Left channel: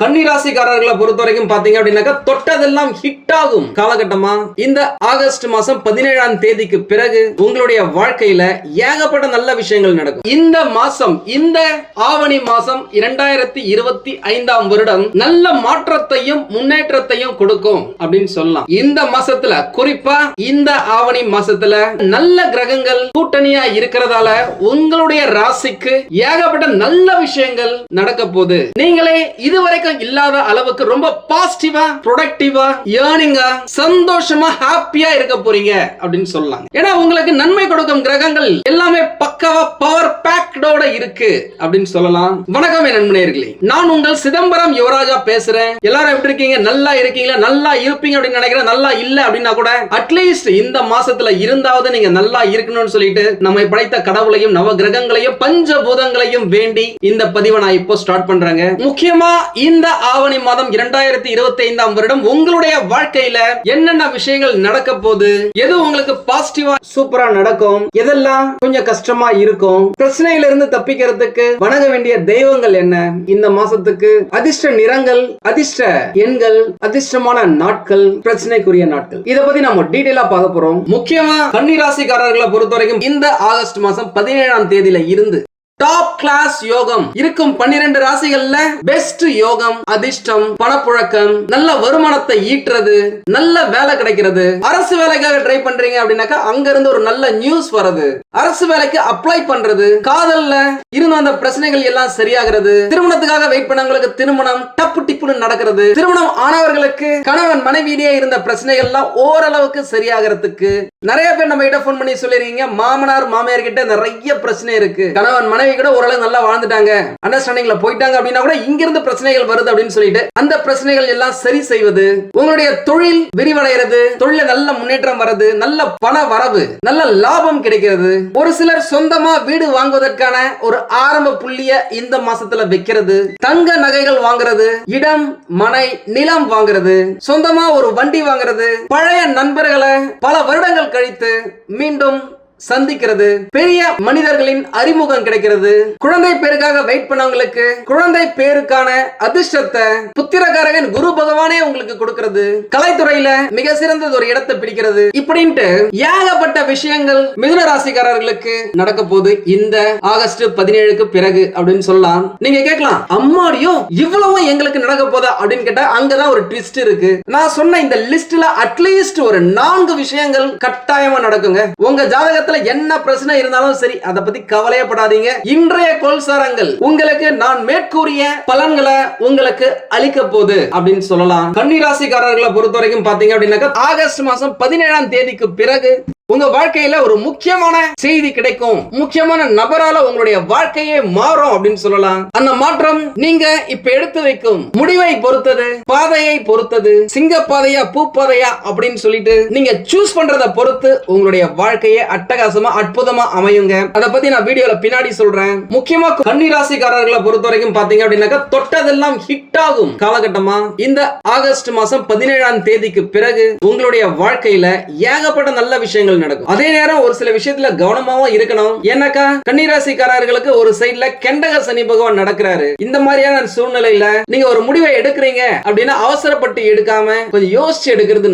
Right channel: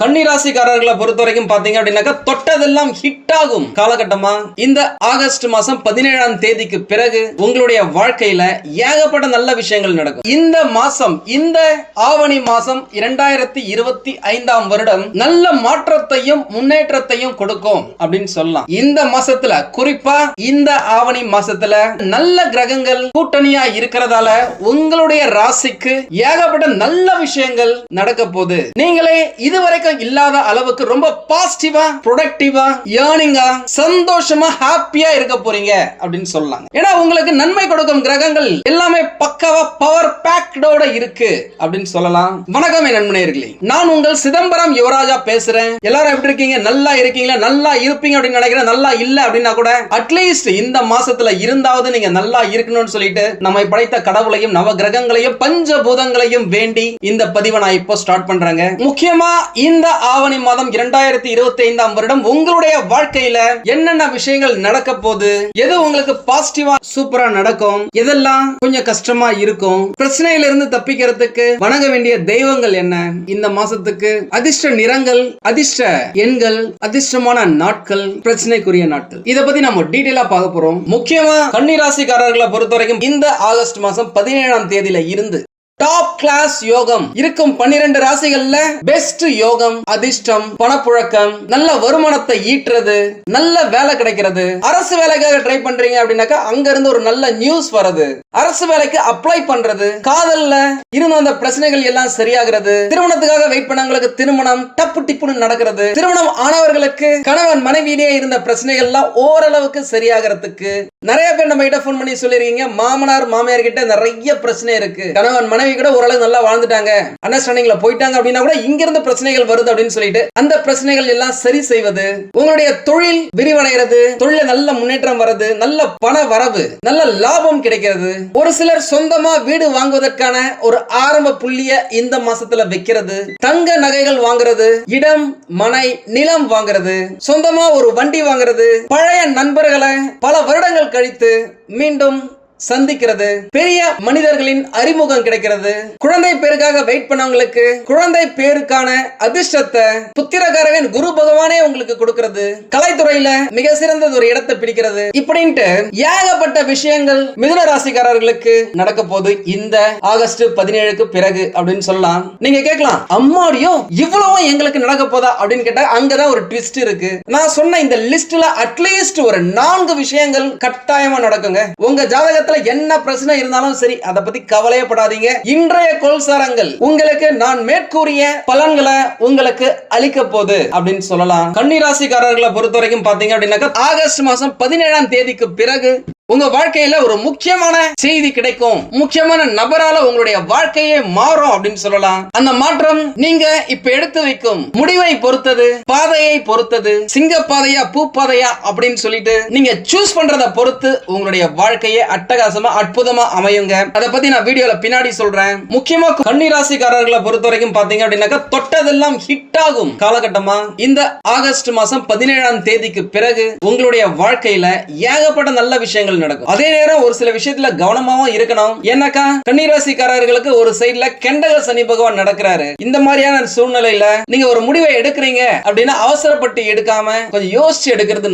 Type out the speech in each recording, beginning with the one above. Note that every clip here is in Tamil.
கன்னிராசிக்காரர்களை பொறுத்த வரைக்கும் பாத்தீங்க அப்படின்னாக்கா தொட்டதெல்லாம் ஹிட் ஆகும். காலகட்டமா? இந்த ஆகஸ்ட் மாசம் பதினேழாம் தேதிக்கு பிறகு உங்களுடைய வாழ்க்கையில ஏகப்பட்ட நல்ல விஷயங்கள் நடக்கும். இந்த மாசம் இந்த ஆவணி மாசம் இரண்டாயிரத்தி இருபத்தி ஐந்தாம் வருடம் நல்ல மாற்றத்தையும் முன்னேற்றத்தையும் கொடுக்கும் அப்படின்னு சொல்லலாம். இந்த மாசத்துல குறிப்பா இந்த ஆவணி மாசத்துல நல்ல கிரகங்கள் கூட்டணியா இருக்கிறதால உங்களுடைய ராசிக்கு ஏகப்பட்ட நல்ல விஷயங்கள் நடக்க போகுது. நீங்களே இதுவரைக்கும் இல்லாத அளவுக்கு ரொம்ப பாசிட்டிவா ப்ரொடக்டிவா ஏர்னிங்கா சந்தோஷமா ஹாப்பியா இருக்க போறீங்க அப்படின்னு சொல்லலாம் ஏன்னா உங்களுக்கு நன்மை கொடுக்கும் கிரகங்கள் எல்லாமே பக்காவா பவர் பேக்டோட இருக்கு அப்படின்னு சொல்லலாம். வணக்கம் என் நண்பனேர்களே நான் உங்கள் சிதம்பரம் யுவராஜா பேசுறேன். எல்லாரும் எப்படி இருக்கீங்க? நல்லா இருக்கீங்களா? நல்லா இருப்பீங்க அப்படின்னு நினைக்கிறேன். நல்லா இல்ல அப்படின்னா கூட அட்லீஸ்ட் இந்த மாசத்துல இருந்தாவது நீங்க நல்லா இருக்கணும்னு சொல்லிட்டு நம்மை படைத்த கடவுளையும் நவ கிரகங்களையும் பஞ்சபூதங்களையும் வேண்டி இந்த பதிவை நான் இப்போ ஸ்டார்ட் பண்றேங்க. முக்கியமா இந்த ஆவணி மாதம் இரண்டாயிரத்தி இருபத்தி ஐந்தாம் வருடம் உங்களுடைய வாழ்க்கையில என்னென்ன விஷயங்கள் நடக்க போகுது? எது உங்களுக்கு பாசிட்டிவா சூப்பரா நடக்கும்? எதெல்லாம் கொஞ்சம் கஷ்டமா இருக்கும்? பிரச்சனையில இருந்து தப்பிக்கிறதுக்கு வணங்க வேண்டிய தெய்வங்கள் என்ன? இந்த மாசத்துக்கு அதிர்ஷ்ட நிறங்கள் அதிர்ஷ்ட எண்கள் அதிர்ஷ்டமான நாட்கள் பிரச்சனைக்குரிய நாட்கள். இத பத்தி நம்ம டீடைலா பார்க்க போறோம். முக்கியமா கன்னிராசிக்காரர்களை பொறுத்த வரைக்கும் இந்த ஆகஸ்ட் மாசம் பதினேழாம் தேதியில இருந்து டாப் கிளாஸ் யோகம். இருக்கும் பன்னிரண்டு ராசிகள்ல பெஸ்ட் யோகம் அதிர்ஷ்டம் பணப்புழக்கம் நல்ல வருமானத்தை ஈட்டுறது நல்ல வேலை கிடைக்கிறது. அரசு வேலைக்காக ட்ரை பண்றீங்க அப்படின்னாக்கா அங்க இருந்து ஒரு நல்ல நியூஸ் வர்றது. அரசு வேலைக்கு அப்ளை பண்றது. காதல்ல இருந்த அந்த பிரச்சனைகள் எல்லாம் சரியாகிறது. திருமணத்துக்காக வெயிட் பண்ணவங்களுக்கு திருமணம் டப்பு டிப்புன்னு நடக்கிறது. திருமணம் ஆனவர்களுக்கு கணவன் மனைவியிலேயே இருந்த பிரச்சனைகள் எல்லாம் ஓரளவுக்கு சரியாகிறதுக்கு. நிறைய பேர் நம்ம கிட்ட போன் பண்ணி சொல்லிருக்கீங்க. மாமனார் மாமியார் கிட்ட நிறைய பிரச்சனை இருக்கு. கணவன் மனைவி கூட ஓரளவு நல்லா வாழ்ந்துட்டாங்க. அண்டர்ஸ்டாண்டிங்ல போயிட்டாங்க அப்படின்னா கூட இங்கிருந்து பிரச்சனைகள் வருது அப்படின்னு சொல்லிட்டு அந்த பிரச்சனைகள் எல்லாம் சரி செய்வது உங்களுடைய தொழில் விரிவடைகிறது தொழில நல்ல முன்னேற்றம் வருது நல்ல பண வரவு நல்ல லாபம் கிடைக்கிறது. ஒரு சிலர் சொந்தமா வீடு வாங்குவதற்கான ஒரு ஆரம்ப புள்ளிய இந்த மாசத்துல வைக்கிறது. தங்க நகைகள் வாங்குறது இடம் மனை நிலம் வாங்குறது சொந்தமா ஒரு வண்டி வாங்குறது பழைய நண்பர்களை பல வருடங்கள் கழித்து மீண்டும் சந்திக்கிறது. பெரிய மனிதர்களின் அறிமுகம் கிடைக்கிறது. குழந்தை பேருக்காக வெயிட் பண்ணவங்களுக்கு குழந்தை பேருக்கான அதிர்ஷ்டத்தை புத்திரகாரகன் குரு பகவானே உங்களுக்கு கொடுக்கிறது. கலைத்துறையில மிக சிறந்தது ஒரு இடத்தை பிடிக்கிறது. இப்படின்ட்டு ஏகப்பட்ட விஷயங்கள் மிதுன ராசிக்காரர்களுக்கு நடக்க போகுது. இந்த ஆகஸ்ட் பதினேழுக்கு பிறகு அப்படின்னு சொல்லலாம். நீங்க கேட்கலாம் அம்மாடியோ இவ்வளவும் எங்களுக்கு நடக்க போதா? அப்படின்னு கேட்டா அங்கதான் ஒரு ட்விஸ்ட் இருக்கு. நான் சொன்ன இந்த லிஸ்ட்ல அட்லீஸ்ட் ஒரு நான்கு விஷயங்கள் கட்டாயமா நடக்குங்க. உங்க இடத்துல என்ன பிரச்சனை இருந்தாலும் சரி அதை பத்தி கவலையப்படாதீங்க இன்றைய கோல்சாரங்கள் உங்களுக்கு நான் மேற்கூறிய பலன்களை உங்களுக்கு அளிக்க போகுது அப்படின்னு சொல்லலாம். கன்னிராசிக்காரர்களை பொறுத்த வரைக்கும் பாத்தீங்க அப்படின்னாக்கா ஆகஸ்ட் மாசம் பதினேழாம் தேதிக்கு பிறகு உங்க வாழ்க்கையில ஒரு முக்கியமான செய்தி கிடைக்கும். முக்கியமான நபரால உங்களுடைய வாழ்க்கையே மாறும் அப்படின்னு சொல்லலாம். அந்த மாற்றம் நீங்க இப்ப எடுத்து வைக்கும் முடிவை பொறுத்தது பாதையை பொறுத்தது சிங்க பாதையா பூ பாதையா அப்படின்னு சொல்லிட்டு நீங்க சூஸ் பண்றத பொறுத்து உங்களுடைய வாழ்க்கையே அட்டகாசமா அற்புதமா அமையுங்க. அதை பத்தி நான் வீடியோல பின்னாடி சொல்றேன். முக்கியமா கன்னிராசிக்காரர்களை பொறுத்த வரைக்கும் பாத்தீங்க அப்படின்னாக்கா தொட்டதெல்லாம் ஹிட் ஆகும் காலகட்டமா. இந்த ஆகஸ்ட் மாசம் பதினேழாம் தேதிக்கு பிறகு உங்களுடைய வாழ்க்கையில ஏகப்பட்ட நல்ல விஷயங்கள் விஷயங்கள் நடக்கும். அதே நேரம் ஒரு சில விஷயத்துல கவனமாவும் இருக்கணும். ஏன்னாக்கா கன்னிராசிக்காரர்களுக்கு ஒரு சைட்ல கெண்டக சனி பகவான் நடக்கிறாரு. இந்த மாதிரியான சூழ்நிலையில நீங்க ஒரு முடிவை எடுக்கிறீங்க அப்படின்னா அவசரப்பட்டு எடுக்காம கொஞ்சம் யோசிச்சு எடுக்கிறது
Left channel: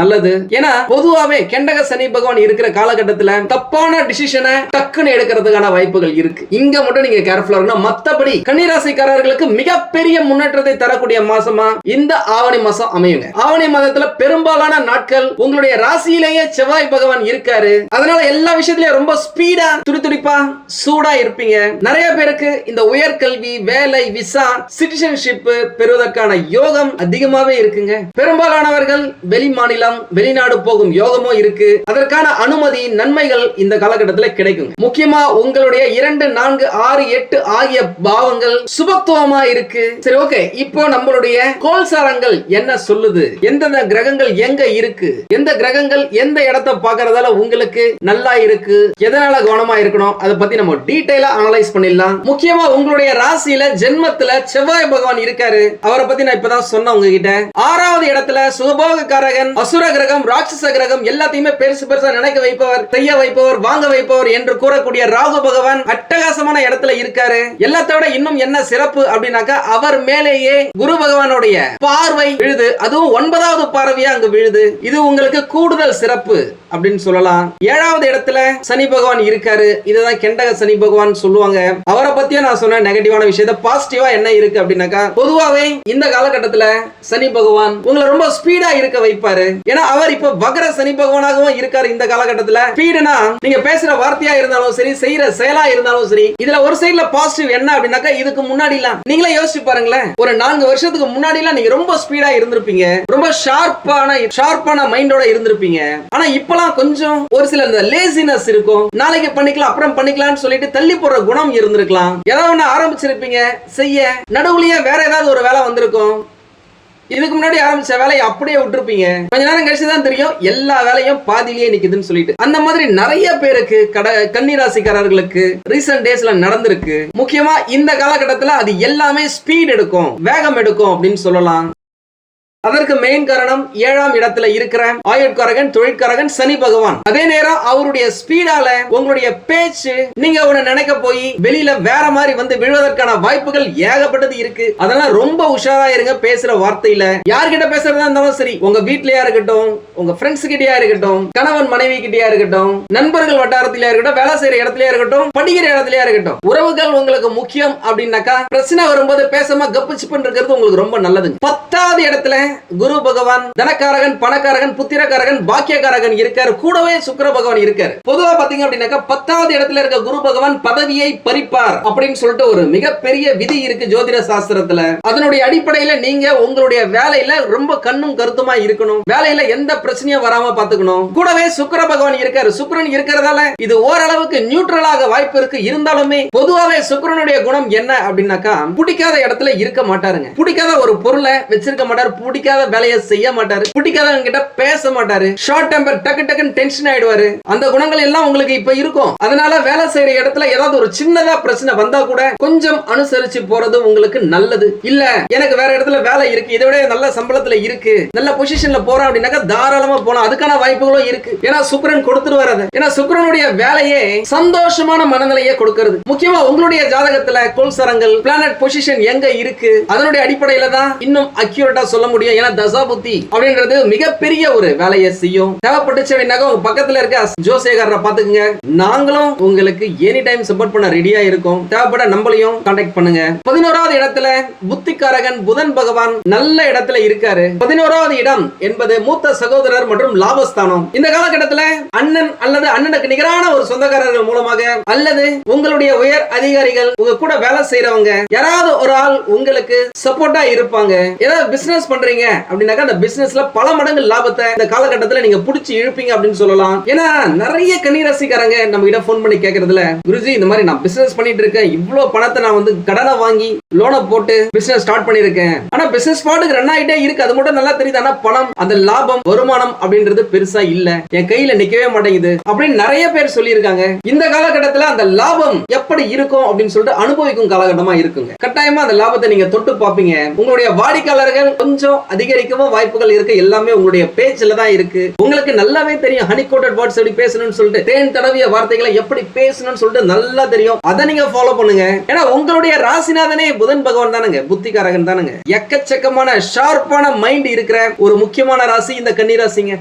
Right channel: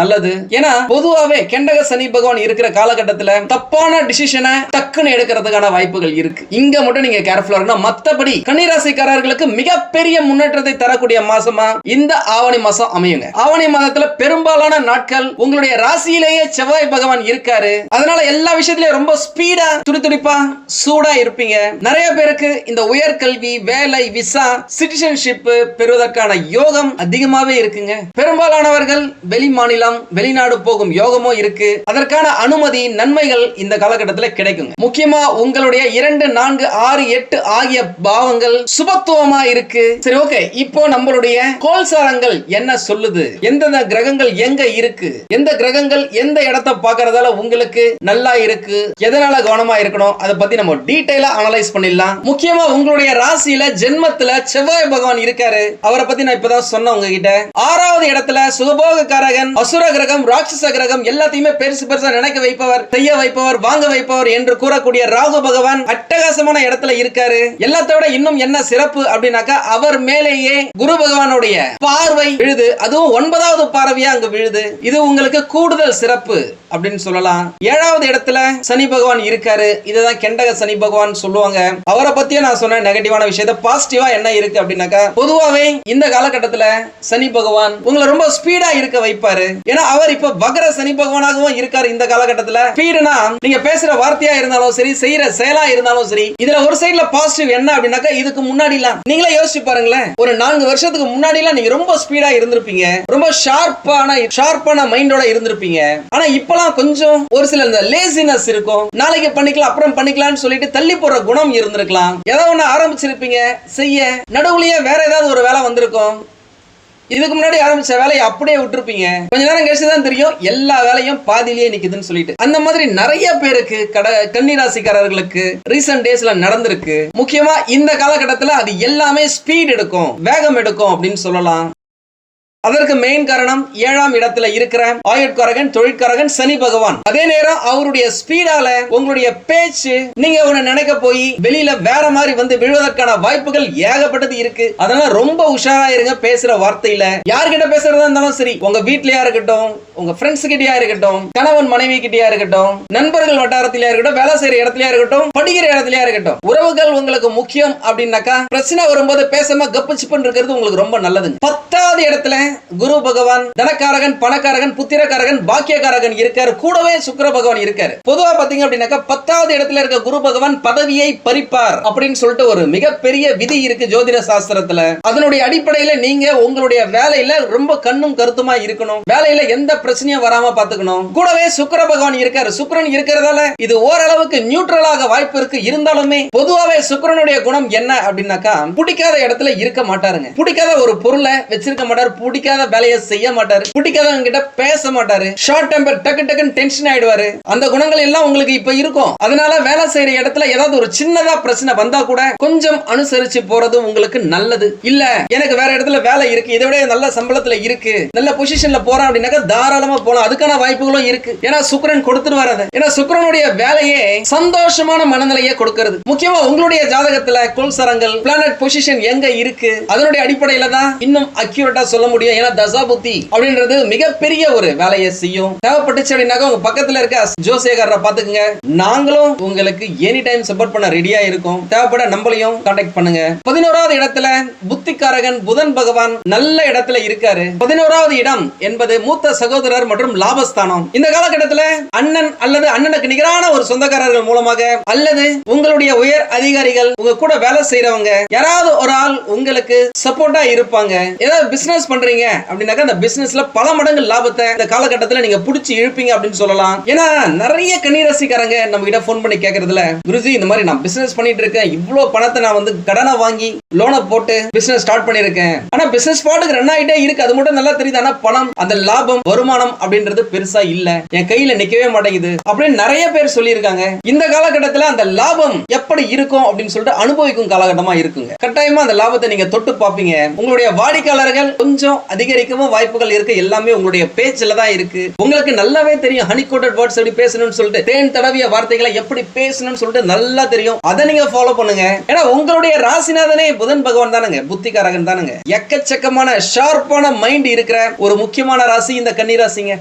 நல்லது. ஏன்னா பொதுவாவே கெண்டக சனி பகவான் இருக்கிற காலகட்டத்துல தப்பான டிசிஷனை டக்குன்னு எடுக்கிறதுக்கான வாய்ப்புகள் இருக்கு. இங்க மட்டும் நீங்க கேர்ஃபுல்லா இருக்கணும். மத்தபடி கன்னிராசிக்காரர்களுக்கு மிகப்பெரிய முன்னேற்றத்தை தரக்கூடிய மாசமா இந்த ஆவணி மாசம் அமையுங்க. ஆவணி மாதத்துல பெரும்பாலான நாட்கள் உங்களுடைய ராசியிலேயே செவ்வாய் பகவான் இருக்காரு. அதனால எல்லா விஷயத்திலயும் ரொம்ப ஸ்பீடா துடிதுடிப்பா சூடா இருப்பீங்க. நிறைய பேருக்கு இந்த உயர்கல்வி வேலை விசா சிட்டிசன்ஷிப் பெறுவதற்கான யோகம் அதிகமாவே இருக்குங்க. பெரும்பாலானவர்கள் வெளி மாநிலம் வெளிநாடு போகும் யோகமோ இருக்கு. அதற்கான அனுமதி நன்மைகள் இந்த காலகட்டத்தில் கிடைக்கும் முக்கியமா உங்களுடைய இரண்டு நான்கு ஆறு எட்டு ஆகிய பாவங்கள் சுபத்துவமா இருக்கு. சரி ஓகே இப்போ நம்மளுடைய கோல்சாரங்கள் என்ன சொல்லுது? எந்தெந்த கிரகங்கள் எங்க இருக்கு? எந்த கிரகங்கள் எந்த இடத்தை பார்க்கறதால உங்களுக்கு நல்லா இருக்கு. எதனால கவனமா இருக்கணும்? அதை பத்தி நம்ம டீடைலா அனலைஸ் பண்ணிடலாம். முக்கியமா உங்களுடைய ராசியில ஜென்மத்துல செவ்வாய் பகவான் இருக்காரு. அவரை பத்தி நான் இப்பதான் சொன்னேன் உங்ககிட்ட. ஆறாவது இடத்துல சுகபோக காரகன் அசுர கிரகம் ராட்சச கிரகம் எல்லாத்தையுமே பெருசு பெருசா நினைக்க வைப்பவர் செய்ய வைப்பவர் வாங்க வைப்பவர் என்று கூறக்கூடிய ராகு பகவான் அட்டகாசமான இடத்துல இருக்காரு. எல்லாத்தோட விட இன்னும் என்ன சிறப்பு அப்படின்னாக்கா அவர் மேலேயே குரு பகவானுடைய பார்வை விழுது. அதுவும் ஒன்பதாவது பார்வையா அங்க விழுது. இது உங்களுக்கு கூடுதல் சிறப்பு அப்படின்னு சொல்லலாம். ஏழாவது இடத்துல சனி பகவான் இருக்காரு. இதான் கெண்டக சனி பகவான் சொல்லுவாங்க. அவரை பத்தியும் நான் சொன்ன நெகட்டிவான விஷயத்த பாசிட்டிவா என்ன இருக்கு அப்படின்னாக்கா பொதுவாவே இந்த காலகட்டத்துல சனி பகவான் உங்களை ரொம்ப ஸ்பீடா இருக்க வைப்பாரு. ஏன்னா அவர் இப்ப வகர சனி பகவானாகவும் இருக்காரு இந்த காலகட்டத்துல. ஸ்பீடுனா நீங்க பேசுற வார்த்தையா இருந்தாலும் சரி செய்யற செயலா இருந்தாலும் சரி இதுல ஒரு சைடுல பாசிட்டிவ் என்ன அப்படின்னாக்கா இதுக்கு முன்னாடி எல்லாம் நீங்களே யோசிச்சு பாருங்களேன். ஒரு நான்கு வருஷத்துக்கு முன்னாடி எல்லாம் நீங்க ரொம்ப ஸ்பீடா இருந்திருப்பீங்க. ரொம்ப ஷார்ப்பான ஷார்ப்பான மைண்டோட இருந்திருப்பீங்க. ஆனா இப்பெல்லாம் கொஞ்சம் கொஞ்சம் ஒரு சில இந்த லேசினஸ் இருக்கும். நாளைக்கு பண்ணிக்கலாம் அப்புறம் பண்ணிக்கலாம்னு சொல்லிட்டு தள்ளி போடுற குணம் இருந்திருக்கலாம். ஏதாவது ஒண்ணு ஆரம்பிச்சிருப்பீங்க செய்ய. நடுவுலயே வேற ஏதாவது ஒரு வேலை வந்திருக்கும். இதுக்கு முன்னாடி ஆரம்பிச்ச வேலையை அப்படியே விட்டுருப்பீங்க. கொஞ்ச நேரம் கழிச்சு தான் தெரியும் எல்லா வேலையும் பாதியிலேயே நிக்குதுன்னு சொல்லிட்டு. அந்த மாதிரி நிறைய பேருக்கு கட கன்னிராசிக்காரர்களுக்கு ரீசன்ட் டேஸ்ல நடந்திருக்கு. முக்கியமா இந்த காலகட்டத்துல அது எல்லாமே ஸ்பீட் எடுக்கும் வேகம் எடுக்கும் அப்படின்னு சொல்லலாம். அதற்கு மெயின் காரணம் ஏழாம் இடத்துல இருக்கிற ஆயுட்காரகன் தொழிற்காரகன் சனி பகவான். அதே நேரம் அவருடைய ஸ்பீடால உங்களுடைய பேச்சு நீங்க அவனை நினைக்க போய் வெளியில வேற மாதிரி வந்து விழுவதற்கான வாய்ப்புகள் ஏகப்பட்டது இருக்கு. அதனால ரொம்ப உஷாரா இருங்க பேசுற வார்த்தையில. யார்கிட்ட பேசுறதா இருந்தாலும் சரி உங்க வீட்லயா இருக்கட்டும் உங்க ஃப்ரெண்ட்ஸ் கிட்டயா இருக்கட்டும் கணவன் மனைவி கிட்டயா இருக்கட்டும் நண்பர்கள் வட்டாரத்திலயா இருக்கட்டும் வேலை செய்யற இடத்துலயா இருக்கட்டும் படிக்கிற இடத்துலயா இருக்கட்டும். உறவுகள் உங்களுக்கு முக்கியம் அப்படின்னாக்கா பிரச்சனை வரும்போது பேசாம கப்பு சிப்புன்னு இருக்கிறது உங்களுக்கு ரொம்ப நல்லது பத்தாவது இடத்துல குரு பகவான் தனக்காரகன் பணக்காரகன் புத்திரக்காரகன் பாக்கியக்காரகன் இருக்காரு. கூடவே சுக்கர பகவான் இருக்காரு. பொதுவா பாத்தீங்க அப்படின்னாக்கா பத்தாவது இடத்துல இருக்க குரு பகவான் பதவியை பறிப்பார் அப்படின்னு சொல்லிட்டு ஒரு மிகப்பெரிய விதி இருக்கு ஜோதிட சாஸ்திரத்துல. அதனுடைய அடிப்படையில நீங்க உங்களுடைய வேலையில ரொம்ப கண்ணும் கருத்துமா இருக்கணும். வேலையில எந்த பிரச்சனையும் வராம பாத்துக்கணும். கூடவே சுக்கர பகவான் இருக்காரு. சுக்கரன் இருக்கிறதால இது ஓரளவுக்கு நியூட்ரலாக வாய்ப்பு இருக்கு. இருந்தாலுமே பொதுவாவே சுக்கரனுடைய குணம் என்ன அப்படின்னாக்கா பிடிக்காத இடத்துல இருக்க மாட்டாருங்க. பிடிக்காத ஒரு பொருளை வச்சிருக்க மாட்டார். பிடிக்க பிடிக்காத வேலையை செய்ய மாட்டாரு. பிடிக்காதவங்க கிட்ட பேச மாட்டாரு. ஷார்ட் டெம்பர் டக்கு டக்குன்னு டென்ஷன் ஆயிடுவாரு. அந்த குணங்கள் எல்லாம் உங்களுக்கு இப்ப இருக்கும். அதனால வேலை செய்யற இடத்துல ஏதாவது ஒரு சின்னதா பிரச்சனை வந்தா கூட கொஞ்சம் அனுசரிச்சு போறது உங்களுக்கு நல்லது. இல்ல எனக்கு வேற இடத்துல வேலை இருக்கு. இதை விட நல்ல சம்பளத்துல இருக்கு. நல்ல பொசிஷன்ல போறோம் அப்படின்னாக்கா தாராளமா போலாம். அதுக்கான வாய்ப்புகளும் இருக்கு. ஏன்னா சுக்கரன் கொடுத்துருவாரு அதை. ஏன்னா சுக்கரனுடைய வேலையே சந்தோஷமான மனநிலையை கொடுக்கிறது. முக்கியமா உங்களுடைய ஜாதகத்துல கொள்சரங்கள் பிளானட் பொசிஷன் எங்க இருக்கு? அதனுடைய அடிப்படையில தான் இன்னும் அக்யூரேட்டா சொல்ல முடியும். ஏன்னா தசா புத்தி அப்படின்றது மிகப்பெரிய ஒரு வேலையை செய்யும். தேவைப்பட்டுச்சு அப்படின்னாக்கா உங்க பக்கத்துல இருக்க ஜோசேகர பாத்துக்குங்க நாங்களும் உங்களுக்கு எனி டைம் சப்போர்ட் பண்ண ரெடியா இருக்கும். தேவைப்பட நம்மளையும் கான்டாக்ட் பண்ணுங்க. பதினோராவது இடத்துல புத்திக்காரகன் புதன் பகவான் நல்ல இடத்துல இருக்காரு. பதினோராவது இடம் என்பது மூத்த சகோதரர் மற்றும் லாபஸ்தானம். இந்த காலகட்டத்துல அண்ணன் அல்லது அண்ணனுக்கு நிகரான ஒரு சொந்தக்காரர்கள் மூலமாக அல்லது உங்களுடைய உயர் அதிகாரிகள் உங்க கூட வேலை செய்யறவங்க யாராவது ஒரு ஆள் உங்களுக்கு சப்போர்ட்டா இருப்பாங்க. ஏதாவது பிசினஸ் பண்றீங்க அப்படின்னாக்கா அந்த பிசினஸ்ல பல மடங்கு லாபத்தை இந்த காலகட்டத்தில் நீங்க புடிச்சு இழுப்பீங்க அப்படின்னு சொல்லலாம். ஏன்னா நிறைய கன்னிராசிக்காரங்க நம்ம கிட்ட போன் பண்ணி கேட்கறதுல குருஜி இந்த மாதிரி நான் பிசினஸ் பண்ணிட்டு இருக்கேன். இவ்வளவு பணத்தை நான் வந்து கடனை வாங்கி லோனை போட்டு பிசினஸ் ஸ்டார்ட் பண்ணிருக்கேன் ஆனா பிசினஸ் பாட்டுக்கு ரன் ஆயிட்டே இருக்கு. அது மட்டும் நல்லா தெரியுது. ஆனா பணம் அந்த லாபம் வருமானம் அப்படின்றது பெருசா இல்ல. என் கையில நிக்கவே மாட்டேங்குது. அப்படின்னு நிறைய பேர் சொல்லியிருக்காங்க. இந்த காலகட்டத்துல அந்த லாபம் எப்படி இருக்கும் அப்படின்னு சொல்லிட்டு அனுபவிக்கும் காலகட்டமா இருக்குங்க. கட்டாயமா அந்த லாபத்தை நீங்க தொட்டு பாப்பீங்க உங்களுடைய வாடிக்கையாளர்கள் கொஞ்சம் அதிகரிக்கவும் வாய்ப்புகள் இருக்கு. எல்லாமே உங்களுடைய பேச்சுல தான் இருக்கு. உங்களுக்கு நல்லாவே தெரியும். ஹனி கோட்டட் வேர்ட்ஸ் எப்படி பேசணும்னு சொல்லிட்டு தேன் தடவிய வார்த்தைகளை எப்படி பேசணும்னு சொல்லிட்டு நல்லா தெரியும். அதை நீங்க ஃபாலோ பண்ணுங்க. ஏன்னா உங்களுடைய ராசிநாதனே புதன் பகவான் தானுங்க. புத்திகாரகன் தானுங்க. எக்கச்சக்கமான ஷார்ப்பான மைண்ட் இருக்கிற ஒரு முக்கியமான ராசி இந்த கன்னி ராசிங்க.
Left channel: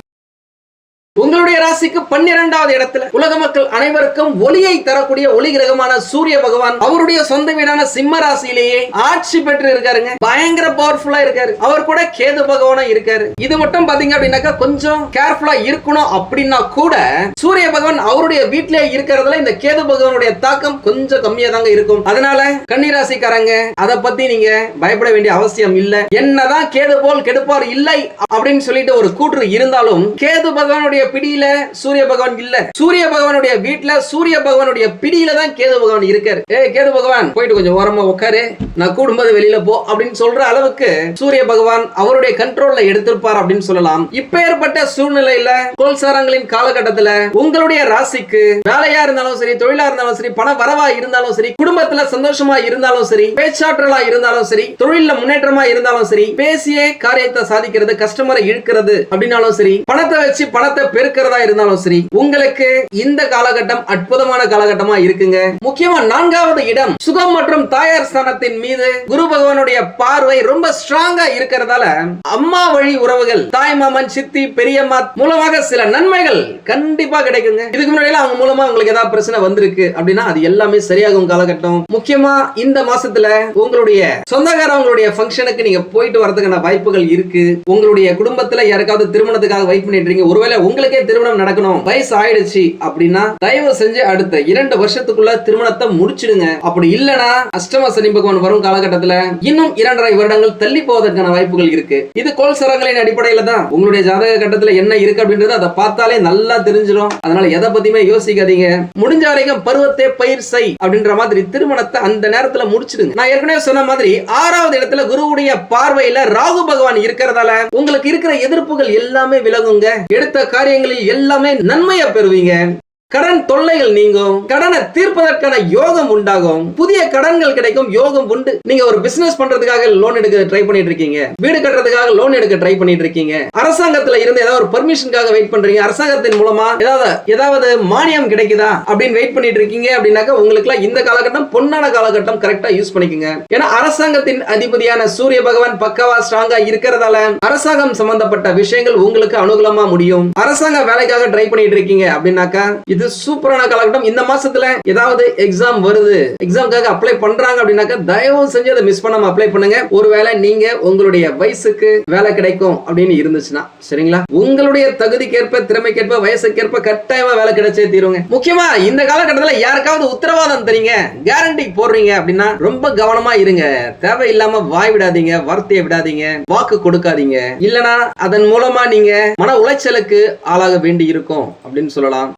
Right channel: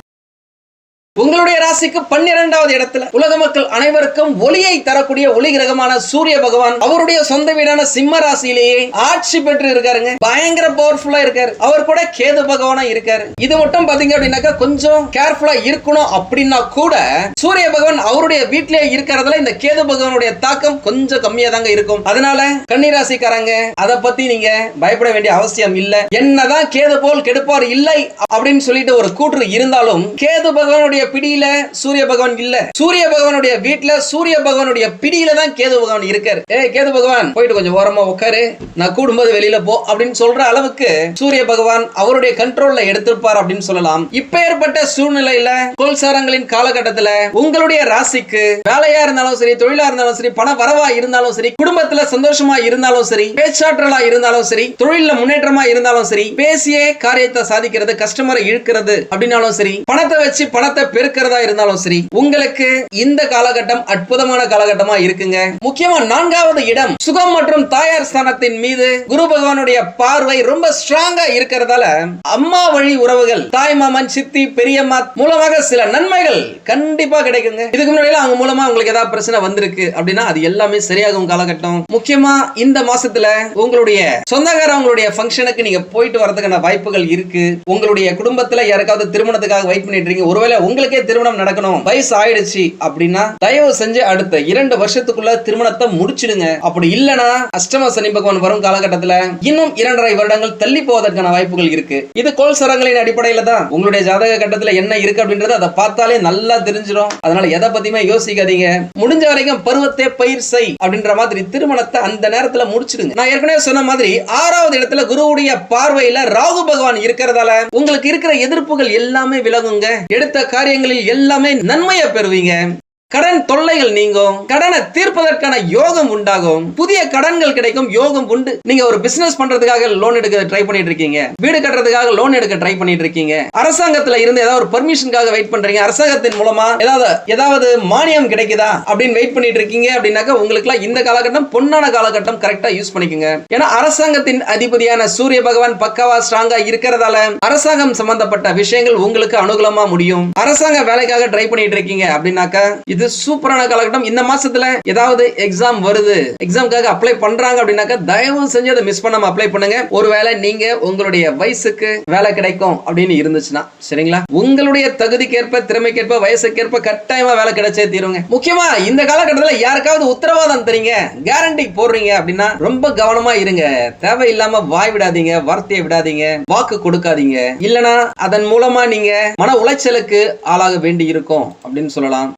உங்களுடைய ராசிக்கு பன்னிரெண்டாவது இடத்துல உலக மக்கள் அனைவருக்கும் ஒளியை தரக்கூடிய ஒளி கிரகமான சூரிய பகவான் அவருடைய சொந்த வீடான சிம்ம ராசியிலேயே ஆட்சி பெற்று இருக்காருங்க. பயங்கர பவர்ஃபுல்லா இருக்காரு. அவர் கூட கேது பகவானும் இருக்காரு. இது மட்டும் பாத்தீங்க அப்படின்னாக்கா கொஞ்சம் கேர்ஃபுல்லா இருக்கணும் அப்படின்னா கூட சூரிய பகவான் அவருடைய வீட்டிலேயே இருக்கிறதுல இந்த கேது பகவானுடைய தாக்கம் கொஞ்சம் கம்மியா தாங்க இருக்கும். அதனால கன்னிராசிக்காரங்க அதை பத்தி நீங்க பயப்பட வேண்டிய அவசியம் இல்ல. என்னதான் கேது போல் கெடுப்பார் இல்லை அப்படின்னு சொல்லிட்டு ஒரு கூற்று இருந்தாலும் கேது பகவானுடைய பிடியில சூரிய பகவான் இல்ல. சூரிய பகவானுடைய வீட்டுல சூரிய பகவானுடைய பிடியில தான் கேது பகவான் இருக்காரு. ஏ கேது பகவான் போயிட்டு கொஞ்சம் ஓரமா உட்காரு நான் கூடும்போது வெளியில போ அப்படின்னு சொல்ற அளவுக்கு சூரிய பகவான் அவருடைய கண்ட்ரோல்ல எடுத்திருப்பார் அப்படின்னு சொல்லலாம். இப்ப ஏற்பட்ட சூழ்நிலையில கோல்சாரங்களின் காலகட்டத்துல உங்களுடைய ராசிக்கு வேலையா இருந்தாலும் சரி தொழிலா இருந்தாலும் சரி பண வரவா இருந்தாலும் சரி குடும்பத்துல சந்தோஷமா இருந்தாலும் சரி பேச்சாற்றலா இருந்தாலும் சரி தொழில முன்னேற்றமா இருந்தாலும் சரி பேசியே காரியத்தை சாதிக்கிறது கஸ்டமரை இழுக்கிறது அப்படின்னாலும் சரி பணத்தை வச்சு பணத்தை பெருக்கிறதா இருந்தாலும் சரி உங்களுக்கு இந்த காலகட்டம் அற்புதமான காலகட்டமா இருக்குங்க. முக்கியமா நான்காவது இடம் சுகம் மற்றும் தாயார் ஸ்தானத்தின் மீது குரு பகவானுடைய பார்வை ரொம்ப ஸ்ட்ராங்கா இருக்கிறதால அம்மா வழி உறவுகள் தாய் மாமன் சித்தி பெரியம்மா மூலமாக சில நன்மைகள் கண்டிப்பா கிடைக்குங்க. இதுக்கு முன்னாடி அவங்க மூலமா உங்களுக்கு ஏதாவது பிரச்சனை வந்திருக்கு அப்படின்னா அது எல்லாமே சரியாகும் காலகட்டம். முக்கியமா இந்த மாசத்துல உங்களுடைய சொந்தக்காரவங்களுடைய ஃபங்க்ஷனுக்கு நீங்க போயிட்டு வரதுக்கான வாய்ப்புகள் இருக்கு. உங்களுடைய குடும்பத்துல யாருக்காவது திருமணத்துக்காக வெயிட் பண்ணிட்டு இருக்கீங்க. ஒருவேளை உங்களுக்கு திருமணம் நடக்கணும். வயசு ஆயிடுச்சு அப்படின்னா தயவு செஞ்சு அடுத்த இரண்டு வருஷத்துக்குள்ள திருமணத்தை முடிச்சிடுங்க. அப்படி இல்லனா அஷ்டம சனி பகவான் வரும் காலகட்டத்துல இன்னும் இரண்டரை வருடங்கள் தள்ளி போவதற்கான வாய்ப்புகள் இருக்கு. இது கோல் சரங்களின் அடிப்படையில தான். உங்களுடைய ஜாதக கட்டத்துல என்ன இருக்கு அப்படின்றத அதை பார்த்தாலே நல்லா தெரிஞ்சிடும். அதனால எதை பத்தியுமே யோசிக்காதீங்க. முடிஞ்ச வரைக்கும் பருவத்தை பயிர் செய் அப்படின்ற மாதிரி திருமணத்தை அந்த நேரத்துல முடிச்சிடுங்க. நான் ஏற்கனவே சொன்ன மாதிரி ஆறாவது இடத்துல குருவுடைய பார்வையில ராகு பகவான் இருக்கிறதால உங்களுக்கு இருக்கிற எதிர்ப்புகள் எல்லாமே விலகுங்க. எடுத்த காரிய காரியங்களில் எல்லாமே நன்மையை பெறுவீங்க. கடன் தொல்லைகள் நீங்கும். கடனை தீர்ப்பதற்கான யோகம் உண்டாகும். புதிய கடன்கள் கிடைக்கும். யோகம் உண்டு. நீங்க ஒரு பிசினஸ் பண்றதுக்காக லோன் எடுக்க ட்ரை பண்ணிட்டு இருக்கீங்க. வீடு கட்டுறதுக்காக லோன் எடுக்க ட்ரை பண்ணிட்டு இருக்கீங்க. அரசாங்கத்துல இருந்து ஏதாவது ஒரு பெர்மிஷனுக்காக வெயிட் பண்றீங்க. அரசாங்கத்தின் மூலமா ஏதாவது ஏதாவது மானியம் கிடைக்குதா அப்படின்னு வெயிட் பண்ணிட்டு இருக்கீங்க அப்படின்னாக்கா உங்களுக்கு இந்த காலகட்டம் பொன்னான காலகட்டம் கரெக்டா யூஸ் பண்ணிக்கோங்க. ஏன்னா அரசாங்கத்தின் அதிபதியான சூரிய பகவான் பக்கவா ஸ்ட்ராங்கா இருக்கிறதால அரசாங்கம் சம்பந்தப்பட்ட விஷயங்கள் உங்களுக்கு அனுகூலமா முடியும். அரசாங்க வேலைக்காக ட்ரை பண்ணிட்டு இருக்கீங்க அப்படின்னாக்கா இது சூப்பரான காலகட்டம். இந்த மாசத்துல ஏதாவது எக்ஸாம் வருது. எக்ஸாம்க்காக அப்ளை பண்றாங்க அப்படின்னாக்கா தயவு செஞ்சு அதை மிஸ் பண்ணாம அப்ளை பண்ணுங்க. ஒருவேளை நீங்க உங்களுடைய வயசுக்கு வேலை கிடைக்கும் அப்படின்னு இருந்துச்சுன்னா சரிங்களா? உங்களுடைய தகுதிக்கேற்ப திறமைக்கேற்ப வயசுக்கேற்ப கட்டாயமா வேலை கிடைச்சே தீருங்க. முக்கியமா இந்த காலகட்டத்துல யாருக்காவது உத்தரவாதம் தரீங்க கேரண்டி போடுறீங்க அப்படின்னா ரொம்ப கவனமா இருங்க. தேவையில்லாம வாய் விடாதீங்க வார்த்தையை விடாதீங்க வாக்கு கொடுக்காதீங்க. இல்லனா அதன் மூலமா நீங்க மன உளைச்சலுக்கு ஆளாக வேண்டி இருக்கும் அப்படின்னு சொல்லலாம்.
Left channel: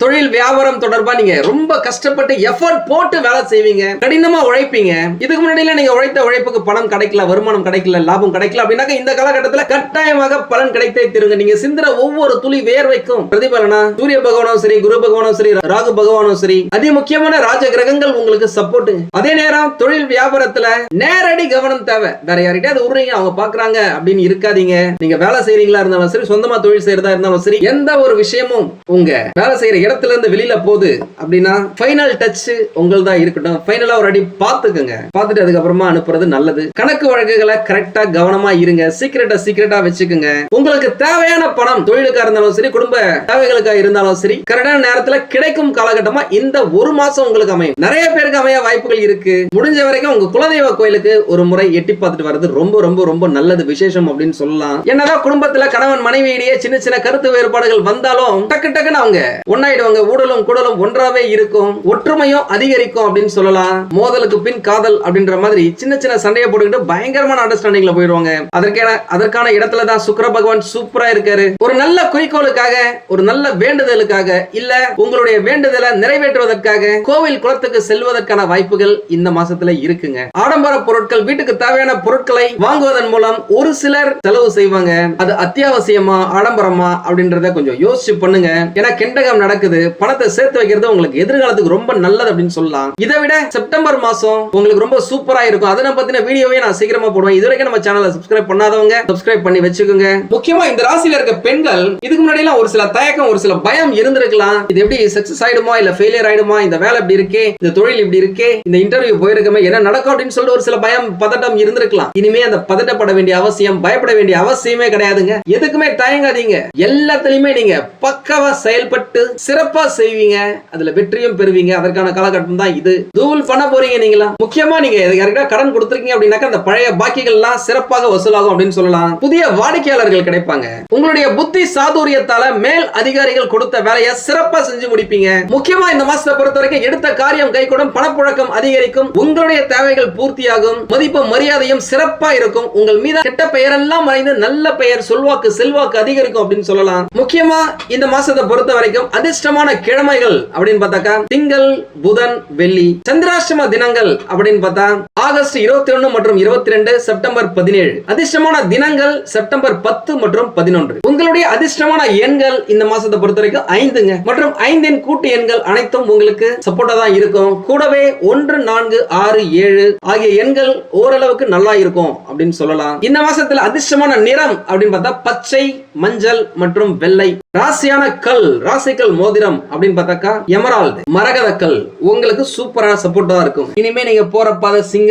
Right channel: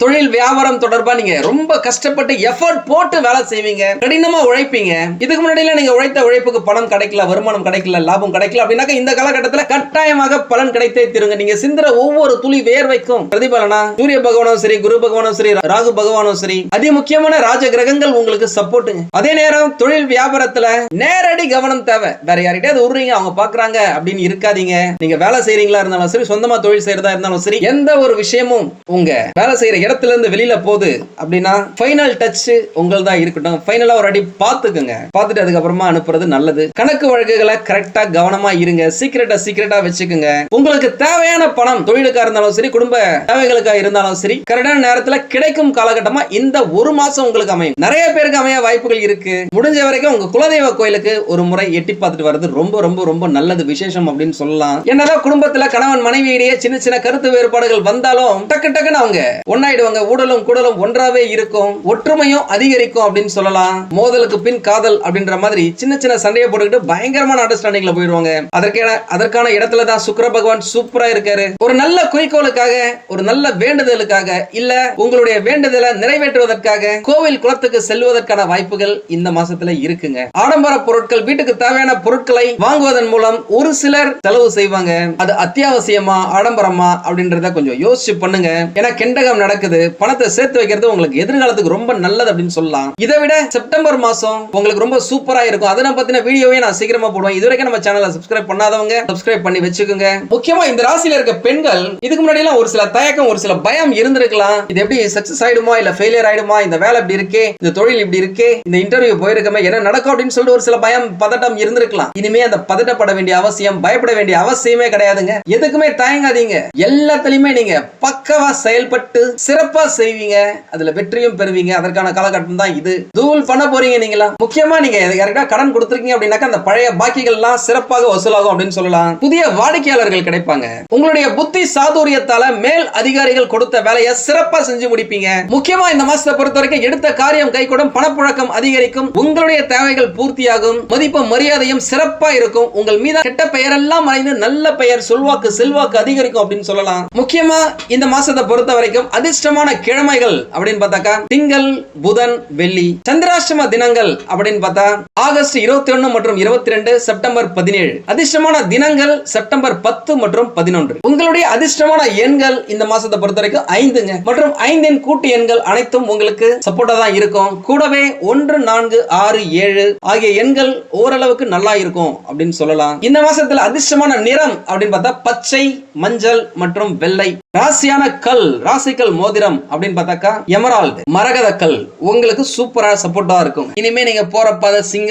தொழில் வியாபாரம் தொடர்பா நீங்க ரொம்ப கஷ்டப்பட்டு எஃபர்ட் போட்டு வேலை செய்வீங்க. கடினமா உழைப்பீங்க. இதுக்கு முன்னாடியில நீங்க உழைத்த உழைப்புக்கு பணம் கிடைக்கல வருமானம் கிடைக்கல லாபம் கிடைக்கல அப்படின்னாக்க இந்த காலகட்டத்துல கட்டாயமாக பலன் கிடைத்தே திருங்க. நீங்க சிந்திர ஒவ்வொரு துளி வேர்வைக்கும் பிரதிபலனா? சூரிய பகவானும் சரி குரு பகவானும் சரி ராகு பகவானும் சரி அதி முக்கியமான ராஜ கிரகங்கள் உங்களுக்கு சப்போர்ட்டுங்க அதே நேரம் தொழில் வியாபாரத்துல நேரடி கவனம் தேவை. வேற யார்கிட்டயாவது விடுறீங்க அவங்க பாக்குறாங்க அப்படின்னு இருக்காதீங்க. நீங்க வேலை செய்யறீங்களா இருந்தாலும் சரி சொந்தமா தொழில் செய்யறதா இருந்தாலும் சரி எந்த ஒரு விஷயமும் உங்க வேலை செய்யற இடத்துல இருந்து வெளியில போகுது அப்படின்னா ஃபைனல் டச் உங்கள் தான் இருக்கட்டும் ஃபைனலா ஒரு அடி பார்த்துக்குங்க. பார்த்துட்டு அதுக்கப்புறமா அனுப்புறது நல்லது. கணக்கு வழக்குகளை கரெக்டா கவனமா இருங்க. சீக்கிரட்டா சீக்கிரட்டா வச்சுக்கோங்க. உங்களுக்கு தேவையான பணம் தொழிலுக்கா இருந்தாலும் சரி குடும்ப தேவைகளுக்கா இருந்தாலும் சரி கரெக்டான நேரத்துல கிடைக்கும் காலகட்டமா இந்த ஒரு மாசம் உங்களுக்கு அமையும். நிறைய பேருக்கு அமைய வாய்ப்புகள் இருக்கு. முடிஞ்ச வரைக்கும் உங்க குலதெய்வ கோயிலுக்கு ஒரு முறை எட்டி பார்த்துட்டு வர்றது ரொம்ப ரொம்ப ரொம்ப நல்லது விசேஷம் அப்படின்னு சொல்லலாம். என்னதான் குடும்பத்துல கணவன் மனைவியிடையே சின்ன சின்ன கருத்து வேறுபாடுகள் வந்தாலும் டக்கு டக்குன்னு அவங்க ஒன்னா ஆயிடுவாங்க. ஊடலும் குடலும் ஒன்றாவே இருக்கும். ஒற்றுமையும் அதிகரிக்கும் அப்படின்னு சொல்லலாம். மோதலுக்கு பின் காதல் அப்படின்ற மாதிரி சின்ன சின்ன சண்டையை போட்டுக்கிட்டு பயங்கரமான அண்டர்ஸ்டாண்டிங்ல போயிடுவாங்க. அதற்கான அதற்கான இடத்துல தான் சுக்கர பகவான் சூப்பரா இருக்காரு. ஒரு நல்ல குறிக்கோளுக்காக ஒரு நல்ல வேண்டுதலுக்காக இல்ல உங்களுடைய வேண்டுதலை நிறைவேற்றுவதற்காக கோவில் குளத்துக்கு செல்வதற்கான வாய்ப்புகள் இந்த மாசத்துல இருக்குங்க. ஆடம்பர பொருட்கள் வீட்டுக்கு தேவையான பொருட்களை வாங்குவதன் மூலம் ஒரு சிலர் செலவு செய்வாங்க. அது அத்தியாவசியமா ஆடம்பரமா அப்படின்றத கொஞ்சம் யோசிச்சு பண்ணுங்க. ஏன்னா கெண்டகம் நடக்க நடக்குது பணத்தை சேர்த்து வைக்கிறது உங்களுக்கு எதிர்காலத்துக்கு ரொம்ப நல்லது அப்படின்னு சொல்லலாம். இதை விட செப்டம்பர் மாசம் உங்களுக்கு ரொம்ப சூப்பரா இருக்கும். அதனை பத்தின வீடியோவே நான் சீக்கிரமா போடுவேன். இது வரைக்கும் நம்ம சேனலை சப்ஸ்கிரைப் பண்ணாதவங்க சப்ஸ்கிரைப் பண்ணி வச்சுக்கோங்க. முக்கியமா இந்த ராசியில இருக்க பெண்கள் இதுக்கு முன்னாடி எல்லாம் ஒரு சில தயக்கம் ஒரு சில பயம் இருந்திருக்கலாம். இது எப்படி சக்சஸ் ஆயிடுமா இல்ல ஃபெயிலியர் ஆயிடுமா இந்த வேலை இப்படி இருக்கே இந்த தொழில் இப்படி இருக்கே இந்த இன்டர்வியூ போயிருக்கமே என்ன நடக்கும் அப்படின்னு சொல்லிட்டு ஒரு சில பயம் பதட்டம் இருந்திருக்கலாம். இனிமே அந்த பதட்டப்பட வேண்டிய அவசியம் பயப்பட வேண்டிய அவசியமே கிடையாதுங்க. எதுக்குமே தயங்காதீங்க. எல்லாத்துலயுமே நீங்க பக்கவா செயல்பட்டு சிறப்பா செய்வீங்க அதுல வெற்றியும் பெறுவீங்க. அதற்கான காலகட்டம் தான் இது. தூள் பண்ண போறீங்க நீங்களா? முக்கியமா நீங்க யாருக்கா கடன் கொடுத்துருக்கீங்க அப்படின்னாக்கா அந்த பழைய பாக்கிகள் எல்லாம் சிறப்பாக வசூலாகும் அப்படின்னு சொல்லலாம். புதிய வாடிக்கையாளர்கள் கிடைப்பாங்க. உங்களுடைய புத்தி சாதுரியத்தால மேல் அதிகாரிகள் கொடுத்த வேலையை சிறப்பா செஞ்சு முடிப்பீங்க. முக்கியமா இந்த மாசத்தை பொறுத்த வரைக்கும் எடுத்த காரியம் கைகூடும் பணப்புழக்கம் அதிகரிக்கும் உங்களுடைய தேவைகள் பூர்த்தியாகும் மதிப்பு மரியாதையும் சிறப்பா இருக்கும் உங்கள் மீது கெட்ட பெயர் எல்லாம் மறைந்து நல்ல பெயர் சொல்வாக்கு செல்வாக்கு அதிகரிக்கும் அப்படின்னு சொல்லலாம். முக்கியமா இந்த மாசத்தை பொறுத்த வரைக்கும் அதிர்ஷ்ட அதிர்ஷ்டமான கிழமைகள் அப்படின்னு பார்த்தாக்கா திங்கள் புதன் வெள்ளி சந்திராஷ்டம தினங்கள் அப்படின்னு பார்த்தா ஆகஸ்ட் இருபத்தி ஒன்னு மற்றும் இருபத்தி ரெண்டு செப்டம்பர் பதினேழு. அதிர்ஷ்டமான தினங்கள் செப்டம்பர் பத்து மற்றும் பதினொன்று. உங்களுடைய அதிர்ஷ்டமான எண்கள் இந்த மாசத்தை பொறுத்த வரைக்கும் ஐந்துங்க. மற்றும் ஐந்தின் கூட்டு எண்கள் அனைத்தும் உங்களுக்கு சப்போர்ட்டா தான் இருக்கும். கூடவே ஒன்று நான்கு ஆறு ஏழு ஆகிய எண்கள் ஓரளவுக்கு நல்லா இருக்கும் அப்படின்னு சொல்லலாம். இந்த மாசத்துல அதிர்ஷ்டமான நிறம் அப்படின்னு பார்த்தா பச்சை மஞ்சள் மற்றும் வெள்ளை. ராசியான கல் ராசிக்கல் மோதிரம் அப்படின்னு பார்த்தாக்கா எமரால்டு. மரகத கல் உங்களுக்கு சூப்பரா சப்போர்ட்டா இருக்கும். இனிமே நீங்க போற பாதை சிங்க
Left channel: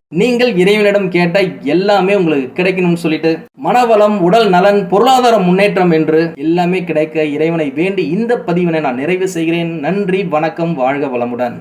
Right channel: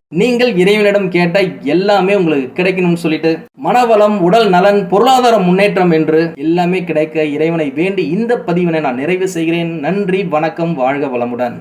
நீங்கள் இறைவனிடம் கேட்ட எல்லாமே உங்களுக்கு கிடைக்கணும்னு சொல்லிட்டு மனவளம் உடல் நலன் பொருளாதார முன்னேற்றம் என்று எல்லாமே கிடைக்க இறைவனை வேண்டி இந்த பதிவினை நான் நிறைவு செய்கிறேன். நன்றி வணக்கம் வாழ்க வளமுடன்.